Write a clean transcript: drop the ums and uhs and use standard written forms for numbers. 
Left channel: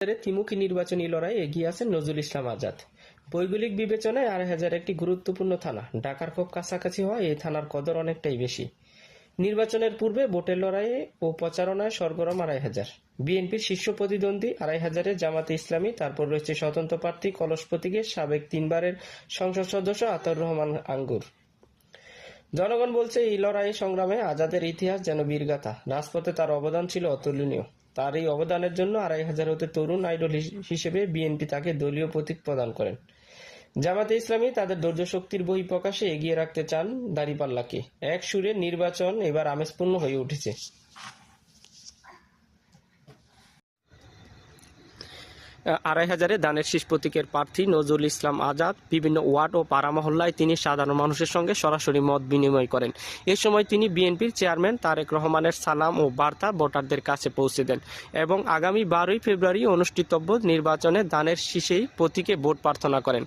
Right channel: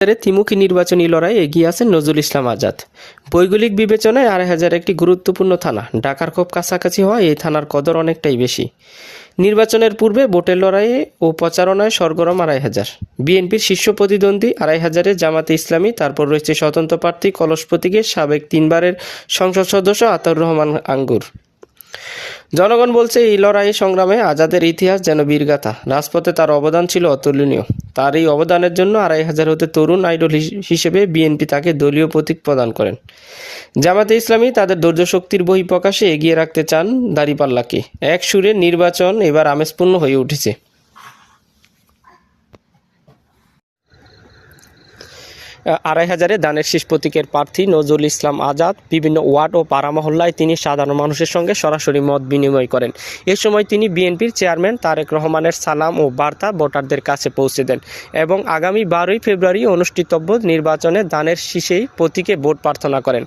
ত্রিমুখী নির্বাচনী লড়াইয়ে এগিয়ে আছেন নজরুল ইসলাম আজাদ। ভৌগোলিক বিবেচনায় ২৮০০ একটি গুরুত্বপূর্ণ থানা। ঢাকার খুব কাছাকাছি হওয়ায় এই থানার কদর অনেকটাই বেশি। নির্বাচনের পূর্বে ভোটের লড়াইয়ে ও প্রচারণায় সরগরম ২৮০০। বিএনপির শীর্ষ প্রতিদ্বন্দ্বী ২৮০০-এ জামাতে ইসলামী, তারপর রয়েছে স্বতন্ত্র প্রার্থী কলস প্রতীকের সাবেক ৩বারের সংসদ সদস্য আতাউর রহমান আঙ্গুর। জনগণ বলছে, এই লড়াই সংগ্রামে আজাদের ইতিহাস যেন বীরগাথা। রাজপথে তার অবদান ছিল অতুলনীয়। তার এই অবদানের জন্য ২৮০০ হতে তরুণ আইডল হিসেবে বিএনপি তাকে দলীয় প্রতীক প্রদান করেন। জামাতে ইসলামী তাদের ধৈর্যশক্তির বহিঃপ্রকাশে এগিয়ে রাখতে চান দাঁড়িপাল্লাকে। এক সুরে নির্বাচন এবার আমেজপূর্ণ হয়ে উঠেছে। ২৮০০-এ ধানের শীষ প্রতীকের প্রার্থী নজরুল ইসলাম আজাদ বিভিন্ন ওয়ার্ড ও পাড়া মহল্লায় তিনি সাধারণ মানুষের সঙ্গে সরাসরি মত বিনিময় করেন। এ সময় তিনি বিএনপির চেয়ারম্যান তারেক রহমানের সালাম ও বার্তা ভোটারদের কাছে পৌঁছে দেন এবং আগামী ১২ই ফেব্রুয়ারি অনুষ্ঠিতব্য নির্বাচনে ধানের শীষেই প্রতীকে ভোট প্রার্থনা করেন।